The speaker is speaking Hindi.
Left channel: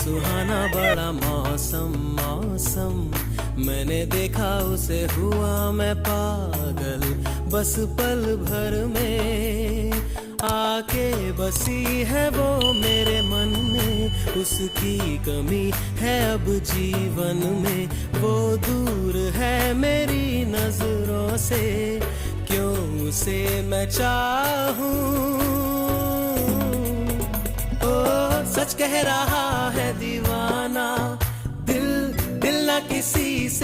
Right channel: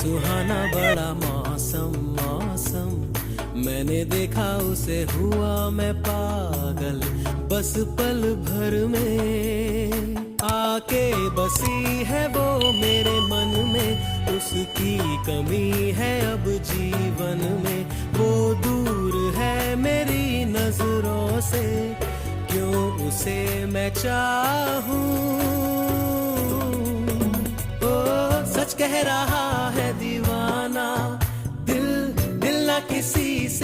सुहाना बड़ा मौसम मौसम, मैंने देखा उसे हुआ मैं पागल, बस पल भर में आके बसी है वो मेरे मन में, उसकी कमी है अब जीवन में, वो दूर है मेरी नजरों से, क्यों उसे मैं चाहूं। ओ सच कह रहा है दीवाना, दिल दिल ना किसी से